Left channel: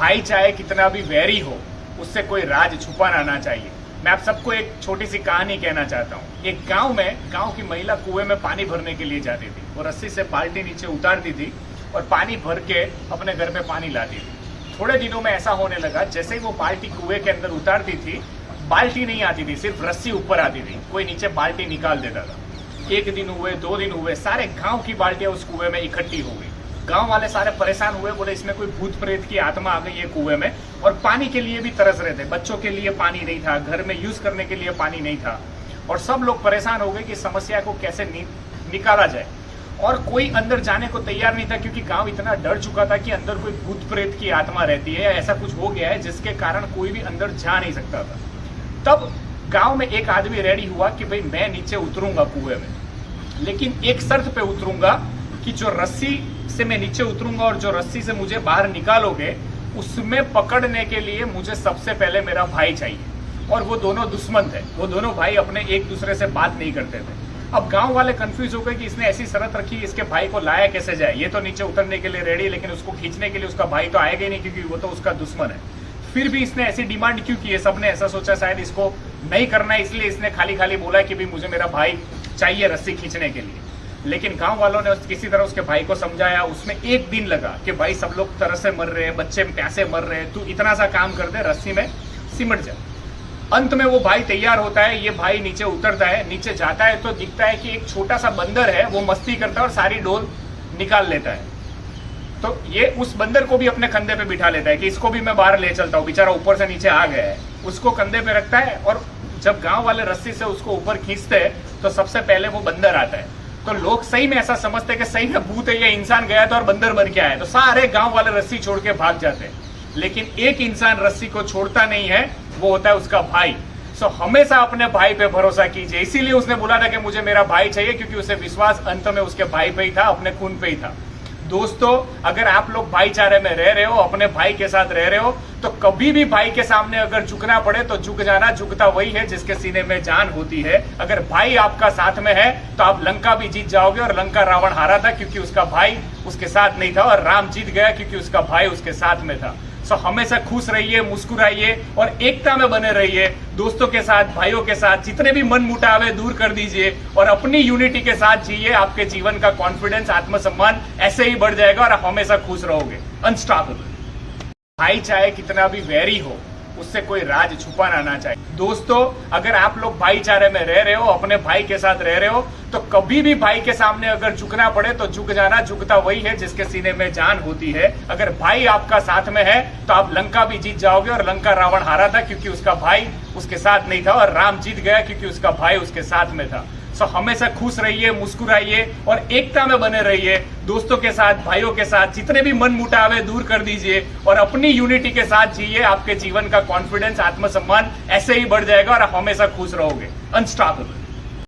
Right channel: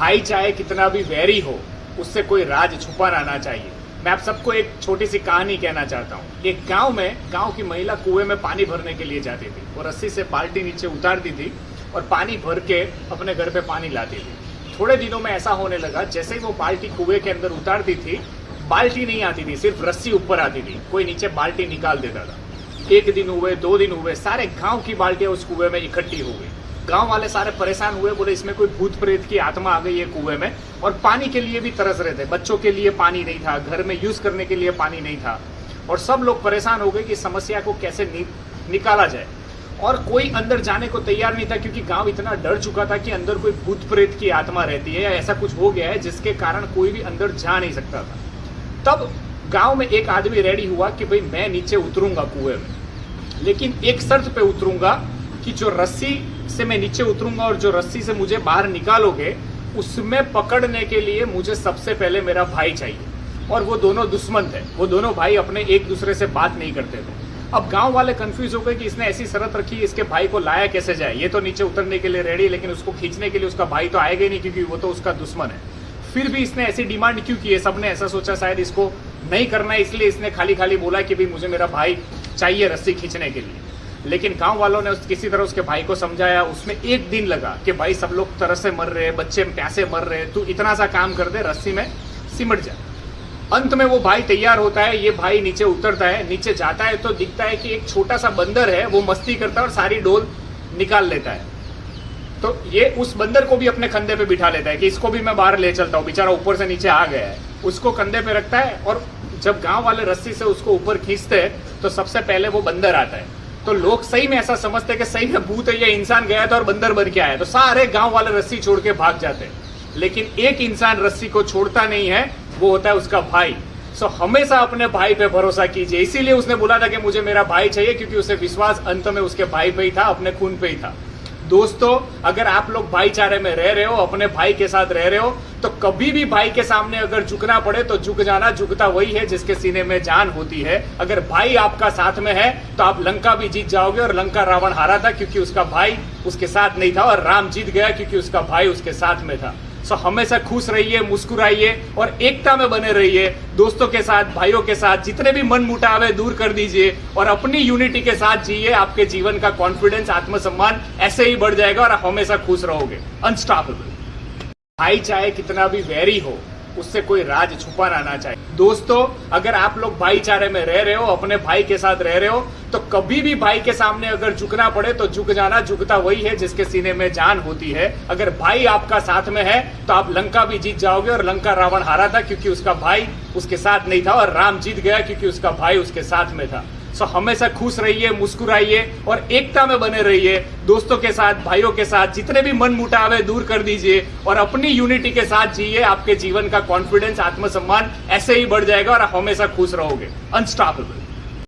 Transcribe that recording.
भाई चाहे कितना भी वैरी हो, उससे कोई राज छुपा रहना चाहिए। मैं आप सबको एक छोटी सी कहानी कहना चाहता हूँ। एक गांव की महिला कुएं में पानी भरने के लिए जाती थी। वो रस्सी से बाल्टी नीचे उतारती थी और पानी भर के अपने घर पे पानी लाती थी। थोड़े दिनों में ऐसा होने लगा, जैसे ही वो बाल्टी कुएं के अंदर उतारती थी, बाल्टी नहीं आती थी, सिर्फ रस्सी ऊपर आती थी। कोई नीचे बाल्टी निकाल देता था। एक दिन हुए, 2 दिन हुए, सारे गांव की बाल्टियां उस कुएं में इकट्ठी हो गई। गांव वाले सारे परेशान हुए, बोले इसमें कोई भूत प्रेत की आत्मा आ गई है कुएं में। और पानी के लिए भी तरस रहे थे। बच्चों के लिए पानी नहीं था, घर में यूज करने के लिए पानी नहीं था। और सब लोग परेशान हो गए कि समस्या को कैसे निकाला जाए। और कोई अंदर जाने को तैयार नहीं था, क्योंकि गांव इतना डर चुका था कि अंदर कोई भूत प्रेत की आत्मा रहती है या ऐसा कुछ हो गया है जिसके कारण कोई भी अंदर जा नहीं सकता था। तब गांव में एक आदमी रेडी हुआ कि भाई मैं नीचे उतरूंगा कुएं में, लेकिन एक शर्त पे उतरूंगा कि जो रस्सी से मैं नीचे उतरूंगा और जो रस्सी से मुझे बाहर निकालोगे, उसमें पकड़ने के लिए मुझे सबसे पहले मेरा भाई चाहिए। और वो दोनों दुश्मन थे, वो दोनों भाई अपने एक दूसरे से बात नहीं करते थे। अब गांव वाले कंफ्यूज हो गए कि इसने ऐसी शर्त रखी, इसके भाई को लाया कैसे जाए। ये तो नीचे उतरने के लिए रेडी, लेकिन उसको खींचने के लिए उसका भाई तो आएगा ही नहीं, क्योंकि वो तो उसका दुश्मन है। फिर भी इसने ऐसी डिमांड क्यों की है? सबने ऐसा सोचा शायद इसको नहीं करना है, इसलिए इसने खाली खाली बोला कि भाई मुझे मेरा भाई चाहिए रस्सी खींचने के लिए। लेकिन गांव वालों ने किसी तरह उसके भाई को समझाया। उसमें 1 दिन लगा कि भाई सब लोग तरह से मर रहे हैं, बच्चे प्यासे मर रहे हैं, तू इतना सा काम कर दे, रस्सी में सिमट जा। अंत में वो भाई तैयार होता है। ये भाई नीचे उतरता है, नीचे जाता है तो दिखता है कि एक छोटा सा बंदर है, वो मस्ती करता है और सारी डोल निकाल लेता है। तो ये उस बंदर को भी अपने कंधे पे बिठा लेता है कि इसको भी मैं बाहर ले चलता हूँ, बेचारा ऊपर से नीचे आ गया है। उसको कंधे पे रखता है और जब गांव वाले रस्सी से उसको ऊपर खींचते हैं तो सबसे पहले वो बंदर आता है। तो लोग सही में ऐसा समझते हैं कि सही में भूत है या इंसान गया था और बंदर बन के आया, तो सारे गांव वाले रस्सी छोड़ के भाग जाते हैं। लेकिन एक इंसान रस्सी को छोड़ता नहीं है, वो होता है उसका भाई। सो हमेशा अपने भाई पे भरोसा कीजिए। इसीलिए उसने बोला था कि मुझे मेरा भाई चाहिए, क्योंकि उसे विश्वास अंत में उसके भाई पे ही था, अपने खून पे ही था। दोस्तों, अगर आप लोग भाईचारे में रह रहे हो, अपने भाई के साथ रह रहे हो, तो कभी भी भाई के सामने अगर झुकना पड़े तो झुक जाना। झुकता वही है जिसके सीने में जान होती है। अगर भाई आपका साथ में है तो आप लंका भी जीत जाओगे। और लंका रावण हारा था क्योंकि उसका भाई उसके साथ नहीं था, और राम जीत गया क्योंकि उसका भाई उसके साथ में था। सो हमेशा खुश रहिए, मुस्कुराइए और एकता में बने रहिए। दोस्तों के साथ, भाइयों के साथ जितने भी मन मुटावे दूर कर दीजिए और अपनी यूनिटी के साथ जिए। आपके जीवन का कॉन्फिडेंस, आत्मसम्मान ऐसे ही बढ़ जाएगा और आप हमेशा खुश रहोगे, अनस्टॉपेबल। भाई चाहे कितना भी वैरी हो, उससे कोई राज छुपा रहना चाहिए। दोस्तों, अगर आप लोग भाईचारे में रह रहे हो, अपने भाई के साथ रह रहे हो, तो कभी भी भाई के सामने अगर झुकना पड़े तो झुक जाना। झुकता वही है जिसके सीने में जान होती है। अगर भाई आपका साथ में है तो आप लंका भी जीत जाओगे। और लंका रावण हारा था क्योंकि उसका भाई उसके साथ नहीं था, और राम जीत गया क्योंकि उसका भाई उसके साथ में था। सो हमेशा खुश रहिए, मुस्कुराइए और एकता में बने रहिए। दोस्तों के साथ, भाइयों के साथ जितने भी मन मुटावे दूर कर दीजिए और अपनी यूनिटी के साथ जिए। आपके जीवन का कॉन्फिडेंस, आत्मसम्मान ऐसे ही बढ़ जाएगा और आप हमेशा खुश रहोगे, अनस्टॉपेबल।